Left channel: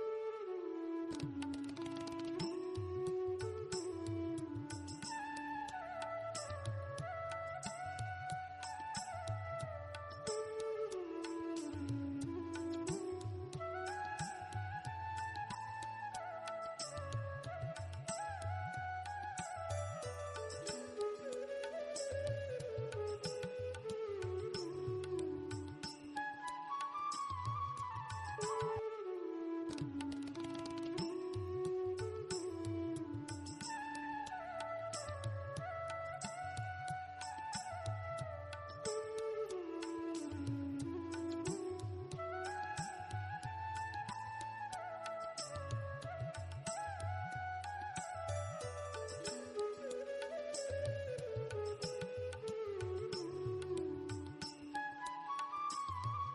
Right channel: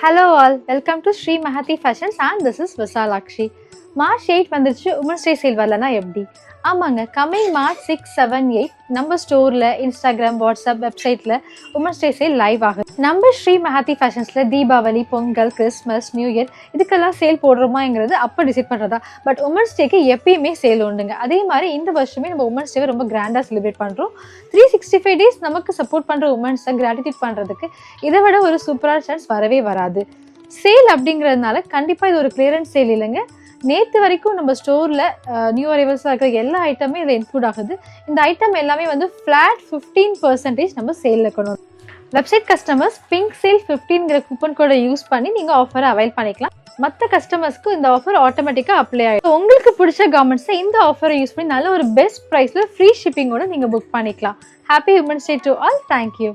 Hello all, welcome to Sri Mahati Fashions and this is Visalakshi. March 8 வந்துருச்சு women's day sale வரலனா எப்படி? ஆமாங்க, coming March 6, 7, 8 நம்ம ஸ்டோர்ல, இன்ஸ்டாகிராம், வாட்ஸ்அப், வெப்சைட்ல உமன்ஸ் டே சேல் லைவ் ஆகுது. நம்ம ஸ்ரீ மஹாதி ஃபேஷன்ஸ்ல Deepavali, Pongal, Christmas, new year இதுக்கெல்லாம் சேல் போடுறோமாங்கிறது அப்போ டிசைட் பண்ணுறதா. பட் உமன்ஸ் டேக்கு எப்பயுமே சேல் உண்டுங்க. அதே மாதிரி இந்த வருஷமே நம்ம உமன்ஸ் டேவை ரொம்ப கிராண்டாக செலிப்ரேட் பண்ணுறோம். 365 டேஸ் நமக்கு சப்போர்ட் பண்ணுற உமன்ஸை கிராட்டிடியூட் பண்ணுறதுக்கு இதை விட ஒரு சூப்பரான சான்ஸ் வரவே வராது. சேல் அப்படிங்கிறதுனால கண்டிப்பாக இது ஒரு கிளியரன்ஸ் சேல் இல்லைங்க. நேற்று வரைக்கும் நம்ம ஸ்டோரில் நியூ அரைவல்ஸாக இருக்கிற எல்லா ஐட்டமே இதில் இன்க்ளூட் ஆகுது. இந்த ஐட்டம் எல்லாமே வந்து ஃப்ளாட் 15% நம்ம சேலில் இருக்கணும். வெப்சைட் கஸ்டமர்ஸ் பிங்க் சேல் 15ங்கிற கூப்பன் கோடை யூஸ் பண்ணி நீங்கள் ஆஃபரை அவைல் பண்ணிக்கலாம். மற்ற கஸ்டமர்ஸ்க்கு இந்த ஆஃபர் ஆட்டோமேட்டிக்காக அப்ளை ஆகிடும். உங்களுக்கு பிடிச்ச கார்மெண்ட்ஸை இந்த ஆஃபரை யூஸ் பண்ணி நல்ல ஒரு பெஸ்ட் ப்ரைஸில் ஃப்ரீ ஷிப்பிங்கோட நீங்கள் புக் பண்ணிக்கலாம். Happy women's day to all. Thank you.